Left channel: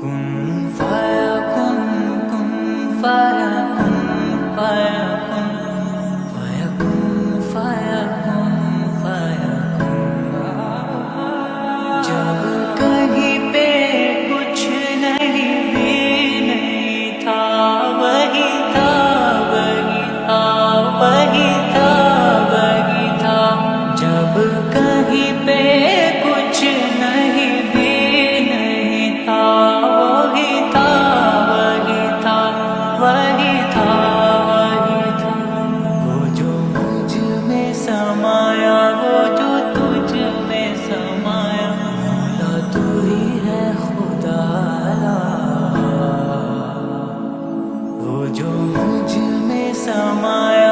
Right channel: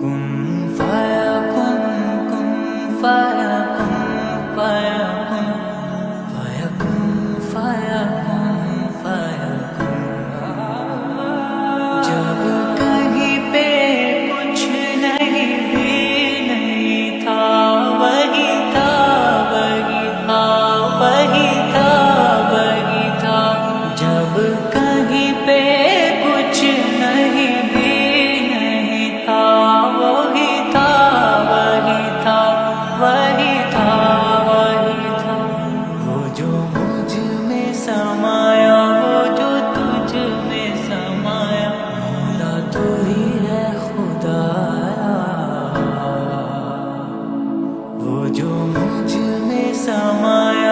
کن فایا کن کن فایا کن فایا کن فایا کن فایا کن فایا کن. جب کہیں پہ کچھ نہیں بھی نہیں تھا، وہی تھا وہی تھا وہی تھا وہی تھا. جب کہیں پہ کچھ نہیں بھی نہیں تھا، وہی تھا وہی تھا وہی تھا وہی تھا. وہ جو مجھ میں سمایا، وہ جو تجھ میں سمایا، مولا تو ہی ہے خدایا. وہ جو مجھ میں سمایا